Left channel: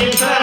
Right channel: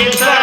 Jesus.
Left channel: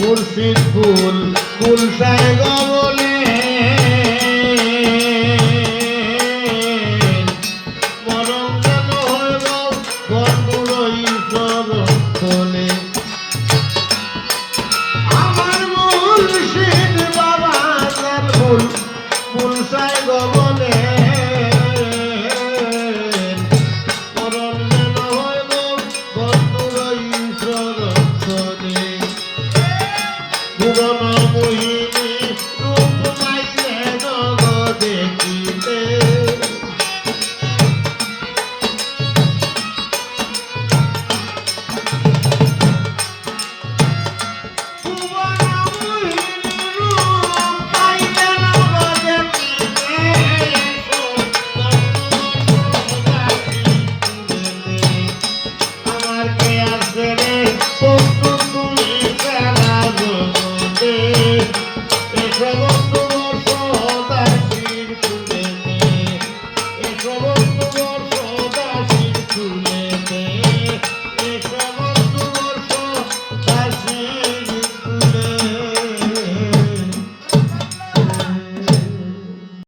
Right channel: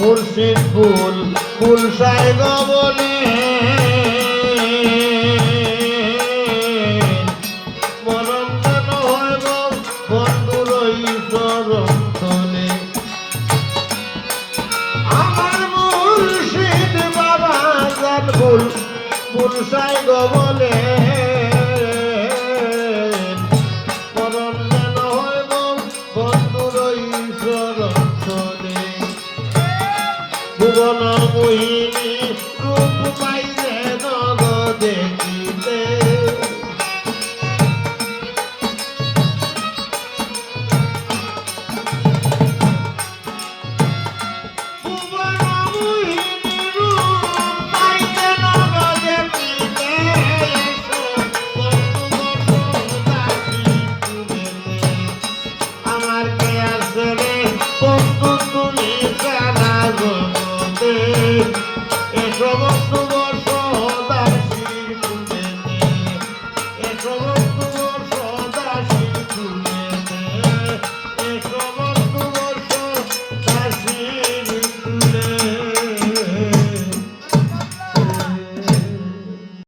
মুর্শিদ ফুল ফুল সাই গমল সময়